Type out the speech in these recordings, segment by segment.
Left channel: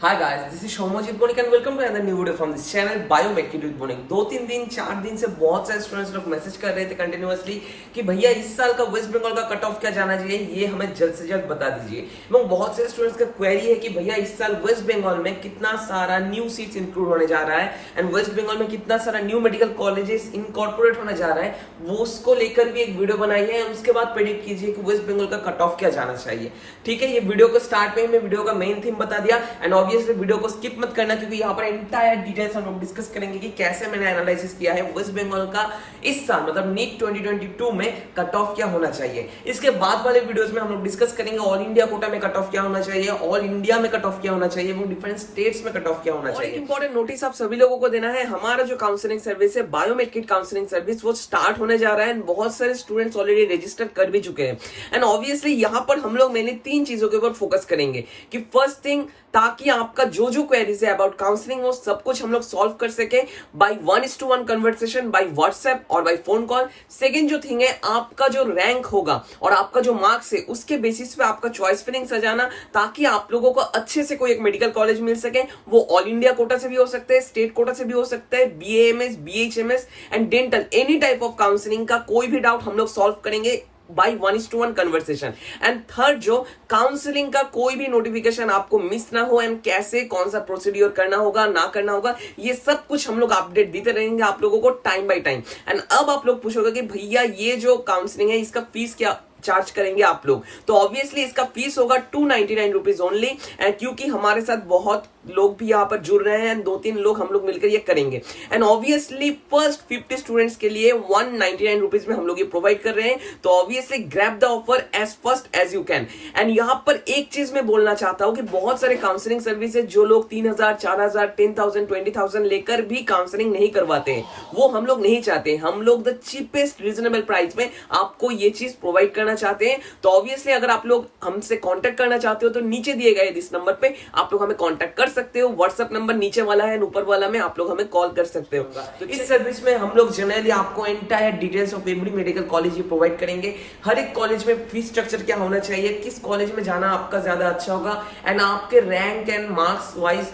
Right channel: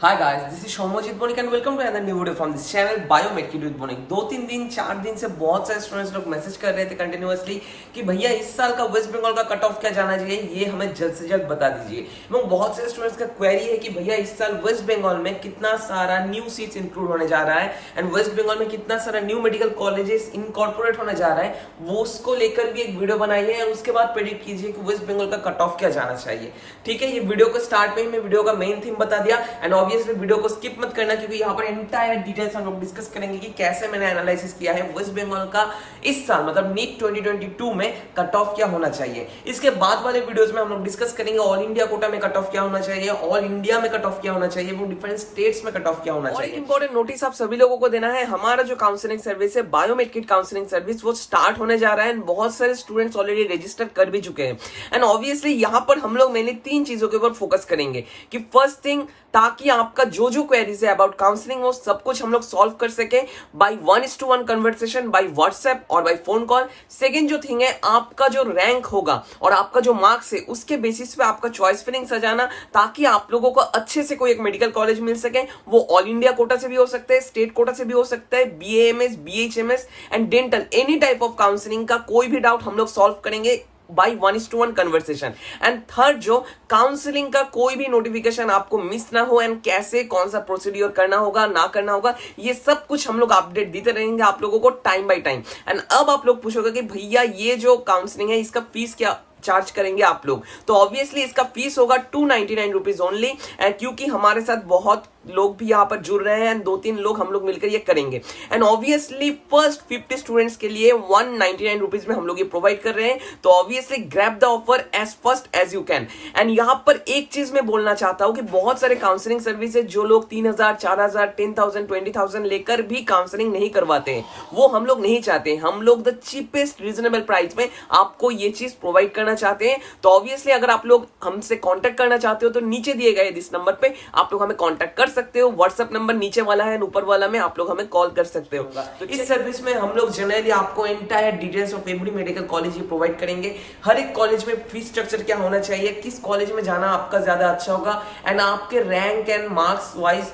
Hi guys, this is Shomojit Bonik and welcome to another new video from this channel Biometric with Bonik। 2-3 दिन 4 दिन से बहुत सारे students लोग message कर रहे थे कंटिन्यूअसली कि भैया इस साल का वेस्ट बंगाल का कट ऑफ क्या जाना चाहिए, ये हमें जल्द से जल्द बता दीजिए। एवं बहुत सारे स्टूडेंट्स का क्वेरी है कि भैया इस साल वेस्ट बंगाल में कितना सारा न्यू सीट्स इंक्लूड होने जा रहा है एंड वेस्ट बंगाल में कितना सारा न्यू मेडिकल कॉलेजेस इनकॉर्पोरेट होने जा रहा है, वो उसको लेकर भी एक वीडियो बनाई है। उसके बाद प्रेडिक्ट कीजिए कि वेस्ट बंगाल का कट ऑफ क्या जाना चाहिए। ठीक है, ये वीडियो को स्टार्ट में ही मैं वीडियो का मेन थीम बता दिया एंड ऑब्वियसली वीडियो को स्किप मत करना क्योंकि यहाँ पर एंटायर डिटेल्स हम लोग डिस्कस करेंगे कि कैसे मैंने एनालिसिस किया है वेस्ट बंगाल का इस साल मतलब नीट 2022 में कट ऑफ क्या होना चाहिए। इसके बाद वाले वीडियोस में हम लोग डिस्कस करेंगे ऑल इंडिया कोटा में कट ऑफ क्या होना चाहिए, ऑल इंडिया में कट ऑफ क्या होना चाहिए, वो डिफरेंट स्टेट्स में कट ऑफ क्या होना चाहिए। इंपॉर्टेंट नोटिस आप सभी लोगों को देना है, हमारा जो काउंसलिंग सर्विस है बायोमेट्रिक काउंसलिंग सर्विस वो स्टार्ट होने जा रहा है एंड बहुत सारे स्टूडेंट्स ऑलरेडी रजिस्टर कर भी चुके हैं एंड ऑब्वियसली यहाँ पर हम लोग मैंने 3 चीजों के ऊपर फोकस करेंगे कि फर्स्ट थिंग ताकि आपका जो जो क्वेरीज है अबाउट काउंसलिंग वो सब कुछ हम लोग सॉल्व कर सके बाय 1:1 कन्वर्सेशन बाय व्हाट्सएप और बाय फोन कॉल। सेकंड जो थिंग है आपका जो रैंक होगा और आपका जो मार्क्स है उसके बेसिस पे आपका चॉइस फिलिंग सजाना ताकि आप लोगों को अच्छे से कोई एक मेडिकल कॉलेज मिल सके। वो ऑल इंडिया कोटा से भी हो सकता है, स्टेट कोटा से भी हो सकता है, BAMS, BHMS and dental any type of counselling का कोई भी डाउट हम लोग सॉल्व करेंगे बाई 1:1 कन्वर्सेशन। एंड थर्ड जो काउंसलिंग का कोई भी नोटिफिकेशन आपको मिस ना हो एंड कैसे कौन सा प्रोसीड्यूर करना होगा ना करना होगा ये सब कुछ हम लोग अपडेट देते रहेंगे आप लोगों को टाइम बाय टाइम। एंड अब आप लोग पूछोगे कि भैया ये जो काउंसलिंग है इसका फीस क्या चार्ज करेंगे आप लोग, तो ऑब्वियसली इसका फीस होगा 299 रुपीज ओनली क्योंकि हमारे साथ बहुत लोग भी यहाँ पर जुड़ रहे हैं एंड 2-3 लोग हम लोग मिलकर ये करेंगे एंड ऑब्वियसली फर्स्ट 50 स्टूडेंट्स के लिए 199 रुपीज में हम लोग ये प्रोवाइड कर रहे हैं। तो obviously grab the offer as first as you can. And यहाँ पर एक चीज मैं बोलना चाहता हूँ कि बहुत सारे काउंसलिंग सर्विसेज जो लोग 3,000, 4,000, 10,000, 20,000 लेकर भी काउंसलिंग नहीं करवाते हैं, वो हम लोग नहीं चाहते। हम लोग द चीपेस्ट रीजनेबल प्राइस में आपको ये चीज प्रोवाइड करना चाहते हैं। तो ऑब्वियसली अगर आप लोग हमसे कांटेक्ट करना चाहते हो तो नीचे दिए गए इस नंबर पे आप लोग हमें कांटेक्ट कर सकते हो। व्हाट्सएप नंबर नीचे वाला है, ऊपर वाला में आप लोग हमें कॉल कर सकते हो। तो इस सर्विस में हम लोग जनरली आपको entire details of every medical college he provide करेंगे। हर एक कॉलेज में फीस स्ट्रक्चर क्या होना चाहिए, किस कॉलेज में जाना आपका ज्यादा अच्छा होगा एंड आपके रैंक एंड मार्क्स वाइज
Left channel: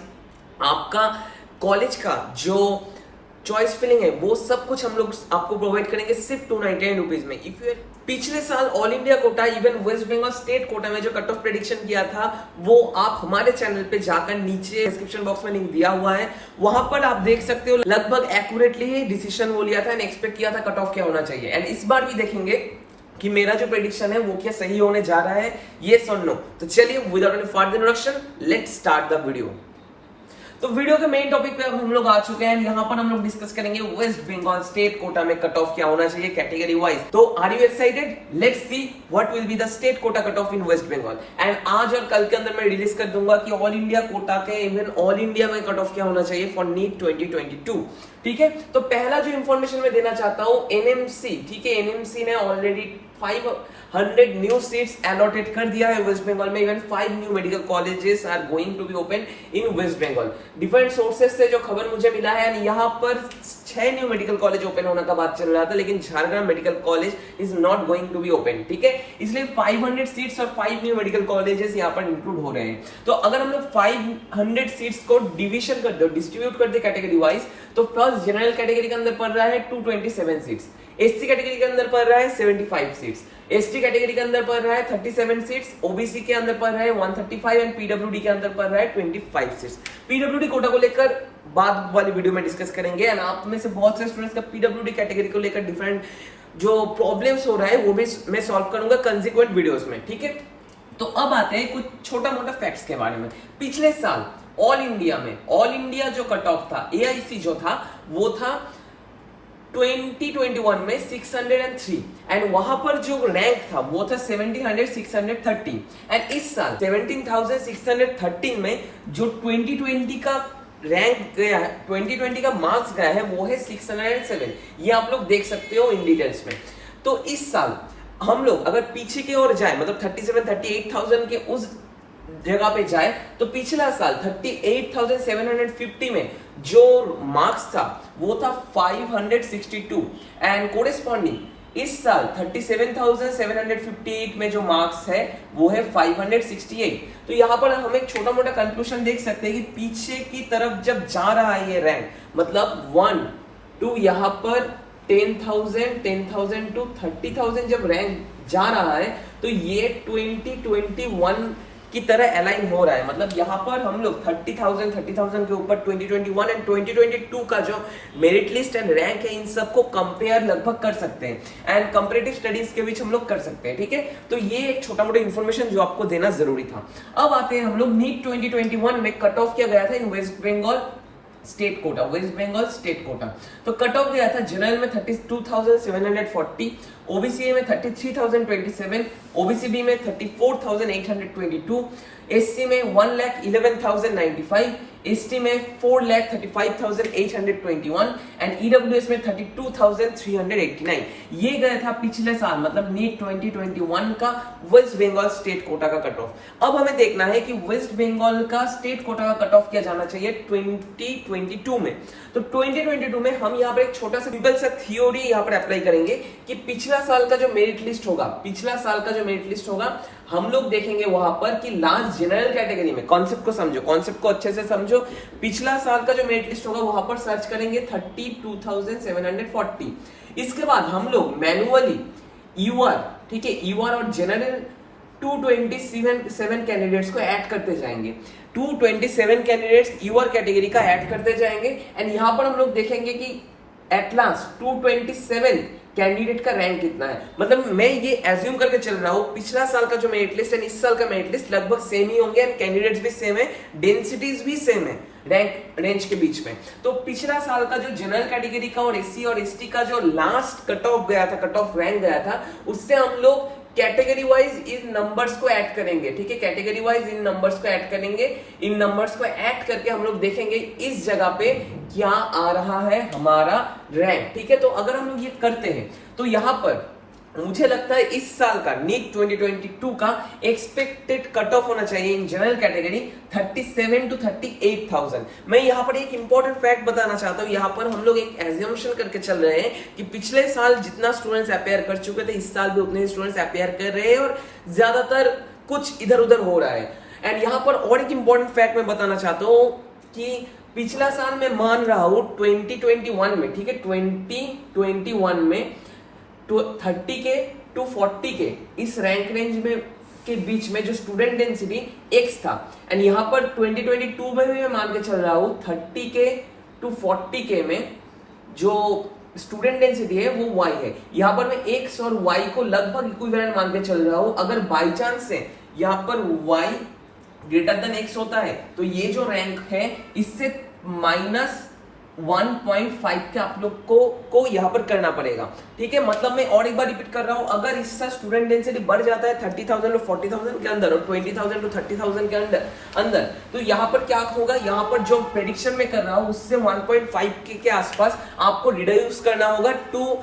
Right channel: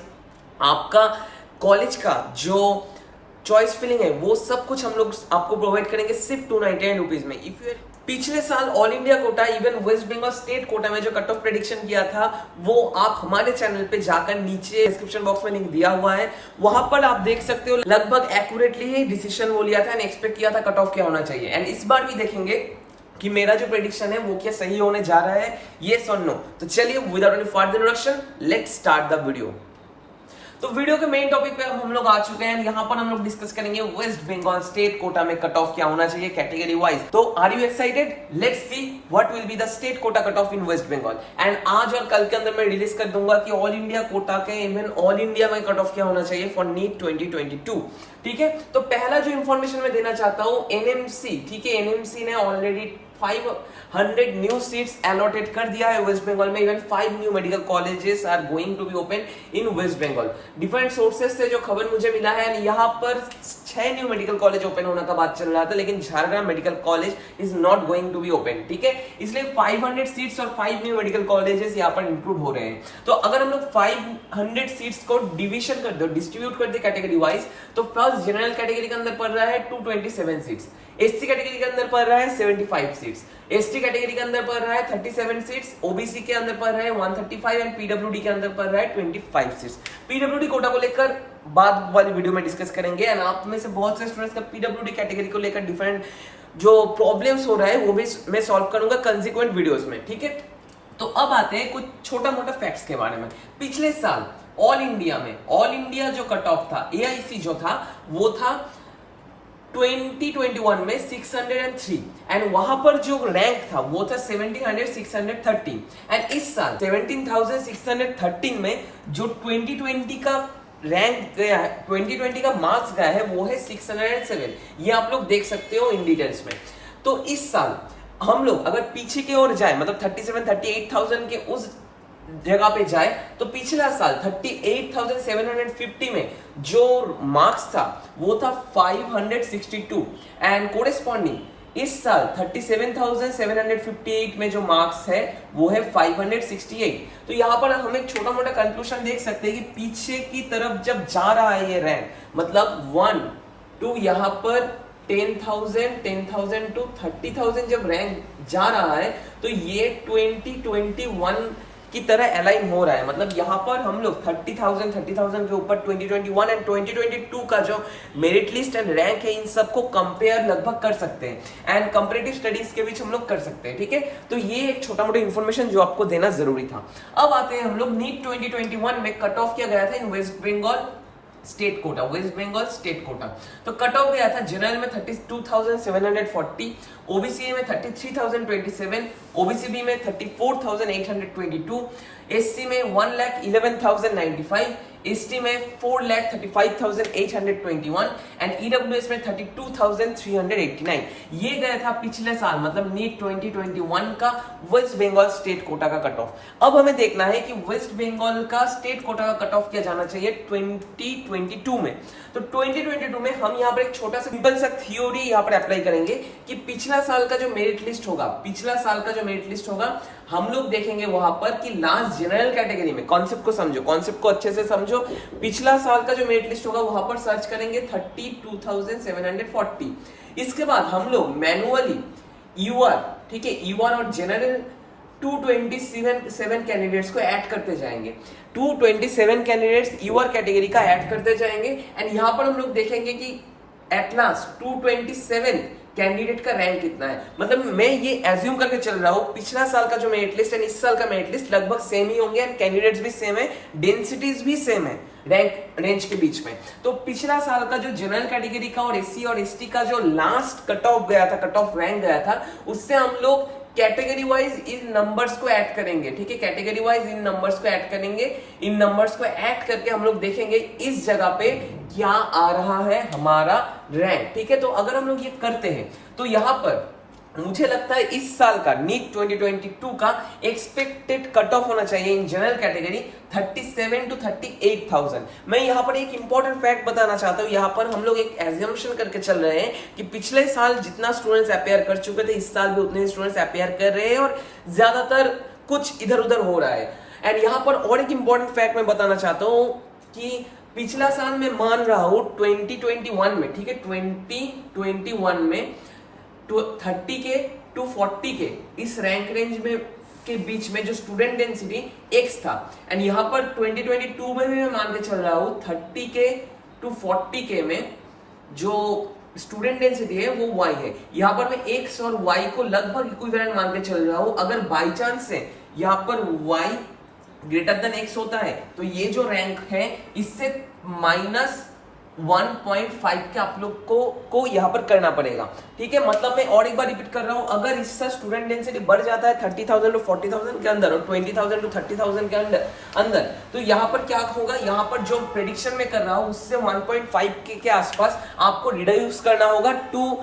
आपका कॉलेज का जो चॉइस फिलिंग है वो सब कुछ हम लोग आपको प्रोवाइड करेंगे सिर्फ 299 रुपीज में। इफ यू पिछले साल all India quota even West Bengal state quota में जो कट ऑफ प्रेडिक्शन किया था वो आप हमारे चैनल पे जाकर नीचे डिस्क्रिप्शन बॉक्स में लिंक दिया हुआ है, वहां पर आप देख सकते हो लगभग एक्यूरेटली ही डिसीजन वो लिया था एंड एक्सपेक्ट किया था कट ऑफ क्या होना चाहिए। एंड इस बार भी देखेंगे कि मेरा जो प्रेडिक्शन है वो क्या सही होने जा रहा है, येस और नो। तो चलिए without any further introduction let's start the video. तो वीडियो के मेन टॉपिक पे अब हम लोग आ चुके हैं। यहाँ पर हम लोग डिस्कस करेंगे वेस्ट बंगाल स्टेट कोटा में कट ऑफ क्या होना चाहिए कैटेगरी वाइज। तो are you excited? Let's see what will be the state quota cut off in waste Bengal. And आज और कल के अंदर मैं रिलीज कर दूंगा कि ऑल इंडिया कोटा के इवन ऑल इंडिया में कट ऑफ क्या होना चाहिए फॉर नीट 2022। ठीक है, तो पहला जो इंफॉर्मेशन मैं देना चाहता हूं NMC, ठीक है, NMC ने ऑलरेडी 500 न्यू सीट्स अलॉटेड कर दिया है वेस्ट बंगाल में। Even 5 new medical colleges are going to be open in waste Bengal. Different sources से जो खबर मुझे मिला है यहाँ पर 6 न्यू मेडिकल कॉलेज ओपन होने का बात चल रहा था, लेकिन Jhargram medical college is not going to be open. ठीक है, इसलिए 500 सीट्स और 5 न्यू मेडिकल कॉलेजेस यहाँ पर इंक्लूड हो रहे हैं। तो अगर हम लोग 500 सीट्स को डिविजन कर दो, डिस्ट्रीब्यूट कर दे कैटेगरी वाइज, तो फर्स्ट जनरल कैटेगरी के अंदर पड़ रहा है 227 सीट्स, SC कैटेगरी के अंदर पड़ रहा है 75 सीट्स, ST कैटेगरी के अंदर पड़ रहा है 37 सीट्स, OBC के अंदर पड़ रहा है 135 एंड PWD के अंदर पड़ रहा है 25 सीट्स। PWD कोटा को लेकर बाद वाली वीडियो में डिस्कस करेंगे एंड आप में से बहुत से स्टूडेंट्स का PWD कैटेगरी को लेकर डिफरेंट जो प्रॉब्लम्स हो रहा है वो भी मैं सॉल्व करूंगा कंसिक्वेंट वीडियोस में। ठीक है, तो अब आते हैं कुछ छोटा मोटा फैक्ट्स के बारे में। पिछले साल ऑल इंडिया जो कट ऑफ था AIC जो था वो था 2021 में 603 एंड वहां पर जो रैंक था वो था 17,613 एंड इस साल 17,613 में जो 2020 का रैंक गया है, 2020 का मार्क्स गया है वो है 607। ये आप लोग देख सकते हो इन डिटेल्स में। तो इस साल हम लोग अगर पीछे की ओर जाए मतलब 38,000 के उस जगह पे जाए तो पिछला साल 38,750 में जो मार्क्स था वो था 562 एंड कोरेस्पॉन्डिंग इस साल 37,758 में जो मार्क्स है वो है 568। तो यहाँ पर हम एक छोटा मोटा कंक्लूजन देख सकते हैं कि पीछे की तरफ जब जा रहा है ये रैंक, मतलब 1 टू यहाँ पर 10,000 टू 30,000 जब रैंक जा रहा है, तो ये 2021 की तरह अलाइन हो रहा है। मतलब यहाँ पर हम लोग 30,000 के ऊपर 2021 एंड 2022 का जो मेरिट लिस्ट एंड रैंक है, इन सबको कंपेयर लगभग कर सकते हैं एंड कंपैरेटिव स्टडीज के बीच हम लोग कर सकते हैं। ठीक है, तो ये एक छोटा मोटा इन्फॉर्मेशन जो आपको देना जरूरी था। अब आते हैं हम लोग नीट 2021 में कट ऑफ किया गया था in waste Bengal state quota, West Bengal state quota. तो कट ऑफ गया था जनरल में 32,740, ओबीसी में 33,027, ओबीसी बी में 34,822, एससी में 1,11,095, एसटी में 4,35,821 एंड ईडब्ल्यूएस में 32,389। ये गया था पिछले साल, मतलब नीट 2021 का वेस्ट बंगाल स्टेट कोटा का कट ऑफ। अब हमें देखना है कि वेस्ट बंगाल का स्टेट कोटा का कट ऑफ क्या जाना चाहिए 2022 में। तो 2022 में हम यहाँ पर एक छोटा सा सिंपल सा थ्योरी यहाँ पर अप्लाई करेंगे कि पिछला साल का जो मेरिट लिस्ट होगा, हम लोग देखेंगे वहां पर कि लास्ट जनरल कैटेगरी में, कॉन्सेप्ट को समझो, कॉन्सेप्ट को अच्छे से समझो। पिछला साल का जो मेरिट लिस्ट होगा वहां पर सर्च करेंगे 32,740। इसके बाद हम लोग मैनुअली यूआर, ठीक है, यूआर और जनरल 227 कैंडिडेट्स को ऐड करते जाएंगे। 227 कैंडिडेट्स यूआर कैटेगरी का ऐड करते जाएंगे एंड यहां पर हम लोग देखेंगे कि एट लास्ट 227 कैंडिडेट का रैंक कितना है। मतलब मैं ये एज्यूम करके चल रहा हूं पिछला साल का जो मेरिट लिस्ट है, इस साल का मेरिट लिस्ट लगभग सेम ही होंगे एंड कैंडिडेट्स भी सेम है, डेंसिटीज भी सेम है रैंक रेंज के बीच में। तो पिछला साल का जो जनरल कैटेगरी का और एससी और एसटी का जो लास्ट कट ऑफ गया था, कट ऑफ रैंक गया था, उससे हम लोग कैटेगरी वाइज इन नंबर्स को ऐड करेंगे। ठीक है, कैटेगरी वाइज इन नंबर्स को ऐड करेंगे। इन नंबर्स को ऐड करके हम लोग देखेंगे इस जगह पे क्या आ रहा है हमारा रैंक। ठीक है, तो अगर हम लोग ये करते हैं तो यहां पर मुझे लगता है इस साल का नीट 2022 का एक्सपेक्टेड कट ऑफ होना चाहिए इन जनरल कैटेगरी 37 to 38,000। मैं यहाँ पर एक इंपॉर्टेंट फैक्ट बताना चाहता हूँ। यहाँ पर हम लोग एक एज्यूम्पशन करके चल रहे हैं कि पिछले साल जितना स्टूडेंट्स अपेयर कर चुके थे, इस साल भी उतने स्टूडेंट्स अपेयर कर रहे हैं और ज्यादातर कुछ इधर उधर हो रहा है। एंड यहाँ पर और एक इंपॉर्टेंट फैक्ट मैं बताना चाहता हूँ कि पिछला साल मैं मान रहा हूं 2021 में, ठीक है, 2021 में 30 के टू 40 के इस रैंक रेंज में के बीच में जो स्टूडेंट डेंसिटी X था, एंड यहाँ पर 2022 में भी मैं मान के चल रहा हूँ 30 के टू 40 के में जो स्टूडेंट डेंसिटी है वो Y है। यहाँ पर मैं X और Y को लगभग इक्विवेलेंट मान के चल रहा हूँ। अगर बाई चांस से यहाँ पर Y ग्रेटर देन X होता है तो ये जो रैंक है इससे -1.5 के आप लोग को यहाँ पर करना पड़ेगा। ठीक है, मतलब मैं और एक बार रिपीट कर रहा हूँ, अगर इसका स्टूडेंट डेंसिटी बढ़ जाता है 30,000 to 40,000 के अंदर और 20,000 to 30,000 के अंदर तो यहाँ पर क्या होगा, यहाँ पर जो प्रेडिक्शन में कर रहा हूँ उससे 1.5 के आसपास आपको रिड्यूस करना होगा to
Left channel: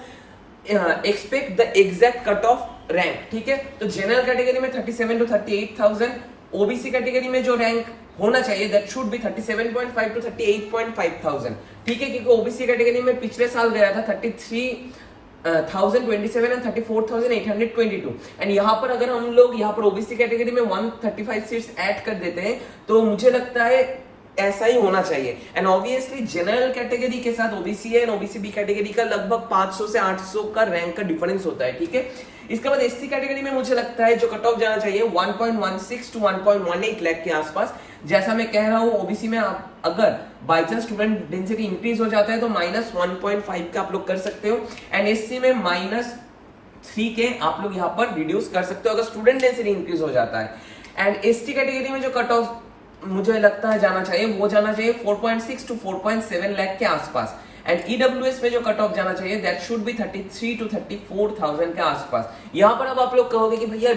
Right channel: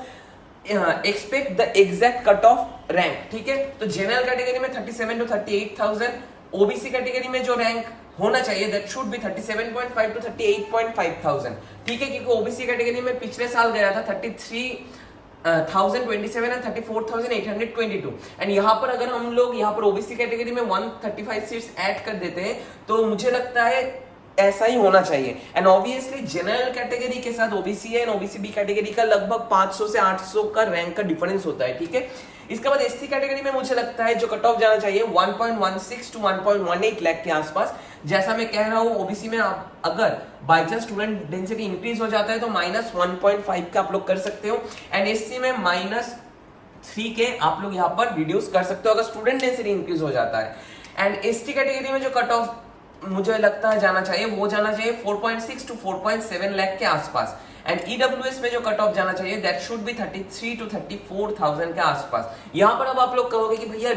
expect the exact cut off rank. ठीक है, तो जनरल कैटेगरी में 37 to 38,000, ओबीसी कैटेगरी में जो रैंक होना चाहिए दैट शुड बी 37.5 to 38.5,000। ठीक है, क्योंकि ओबीसी कैटेगरी में पिछले साल गया था 33,027 एंड 34,822 एंड यहाँ पर अगर हम लोग यहाँ पर ओबीसी कैटेगरी में 135 सीट्स ऐड कर देते हैं तो मुझे लगता है ऐसा ही होना चाहिए। एंड ऑब्वियसली जनरल कैटेगरी के साथ ओबीसी है एंड ओबीसी बी कैटेगरी का लगभग 500 से 800 का रैंक का डिफरेंस होता है। ठीक है, इसके बाद एससी कैटेगरी में मुझे लगता है जो कट ऑफ जाना चाहिए 1.16 टू 1.18 लाख के आसपास। जैसा मैं कह रहा हूं ओबीसी में अगर by chance student density increase हो जाता है तो -1.5 का आप लोग कर सकते हो एंड एससी में -3 के आप लोग यहाँ पर रिड्यूस कर सकते हो अगर स्टूडेंट डेंसिटी इंक्रीज हो जाता है। एंड एसटी कैटेगरी में जो कट ऑफ मुझे लगता है जाना चाहिए वो जाना चाहिए 4.6 टू 4.7 लाख के आसपास एंड ईडब्ल्यूएस में जो कट ऑफ जाना चाहिए दैट शुड बी 33 टू 34,000 के आसपास। यहाँ पर अब आप लोग कहोगे कि भैया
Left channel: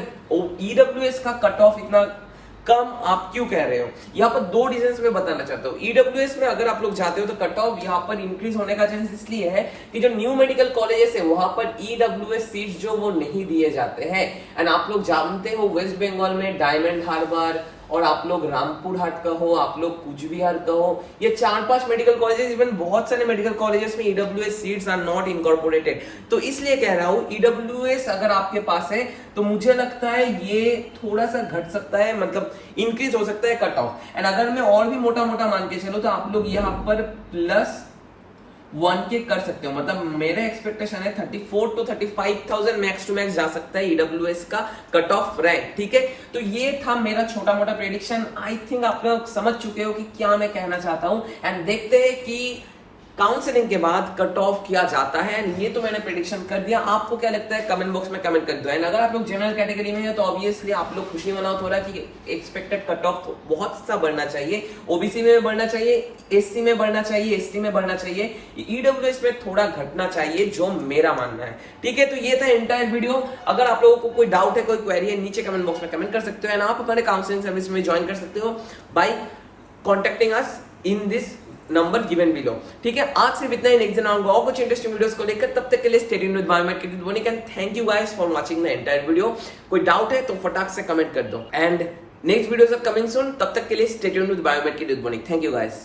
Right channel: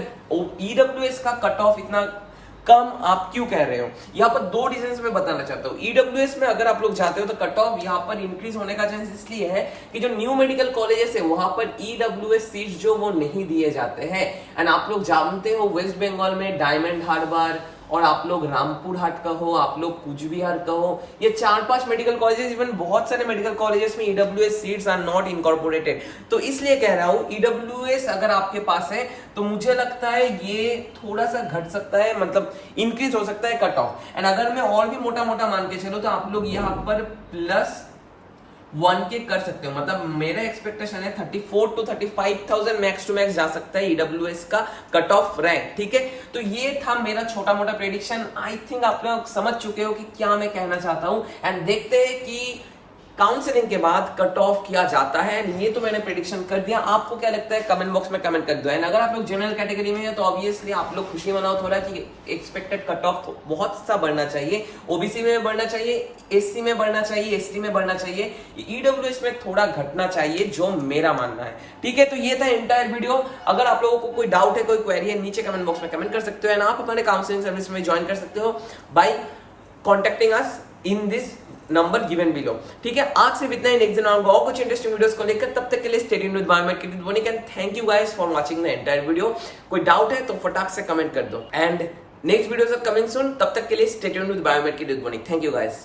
ईडब्ल्यूएस का कट ऑफ इतना कम आप क्यों कह रहे हो। यहाँ पर दो रीजंस मैं बताना चाहता हूँ। ईडब्ल्यूएस में अगर आप लोग जाते हो तो कट ऑफ यहाँ पर इंक्रीज होने का चांस इसलिए है कि जो न्यू मेडिकल कॉलेजेस है वहां पर ईडब्ल्यूएस सीट्स जो वो नहीं दिए जाते हैं एंड आप लोग जानते हो वेस्ट बंगाल में डायमंड हार्बर और आप लोग रामपुर हाट का हो, आप लोग कुछ बिहार का हो, ये 4-5 मेडिकल कॉलेजेस, इवन बहुत सारे मेडिकल कॉलेजेस में EWS seats are not incorporated. तो इसलिए कह रहा हूं ईडब्ल्यूएस अगर आपके पास है तो मुझे लगता है ये थोड़ा सा घट सकता है, मतलब इंक्रीज हो सकता है कट ऑफ। एंड अगर मैं और भी मोटा मोटा मान के चलूं तो आप लोग यहाँ पर +1 के कर सकते हो। मतलब मेरा एक्सपेक्टेशन है 34 to 35,000 मैक्स टू मैक्स जा सकता है ईडब्ल्यूएस का कट ऑफ रैंक, ठीक है। तो ये था मेरा छोटा मोटा प्रेडिक्शन। आई थिंक आप लोग समझ चुके हो कि क्या मैं कहना चाहता हूं। एंड देखते हैं कि काउंसलिंग के बाद कट ऑफ किया जाता है। ये तो मैंने प्रेडिक्शन कर दिया, आपको क्या लगता है कमेंट बॉक्स में कमेंट कर दो। एंड अगर आप लोग जनरल कैटेगरी में हैं तो ऑब्वियसली आप लोग खुशी मनाओ थोड़ा कि एक्सपेक्टेड कट ऑफ बहुत सा बढ़ना चाहिए, ओबीसी में बढ़ना चाहिए, एससी में बढ़ना चाहिए, एसटी में बढ़ना चाहिए, ईडब्ल्यूएस में थोड़ा घटना चाहिए, जो मेरा मानना है, ठीक है। तो ये था एंटायर वीडियो। अगर आप लोगों को कोई डाउट है, कोई क्वेरी है, नीचे कमेंट बॉक्स में कमेंट कर सकते हो। एंड आप हमारे काउंसलिंग सर्विस में ज्वाइन कर सकते हो by contacting us in this number given below, ठीक है। आज से इतना ही, नेक्स्ट दिन आऊंगा और कुछ इंटरेस्टिंग वीडियोस को लेकर। तब तक के लिए स्टे ट्यून्ड विद बायोमेक with Banik and thank you guys for watching the entire video. कोई डाउट है तो फटाक से कमेंट कर दो। And next videos are coming soon, तब तक के लिए स्टे ट्यून्ड विद बायोमेक with Banik. Thank you guys.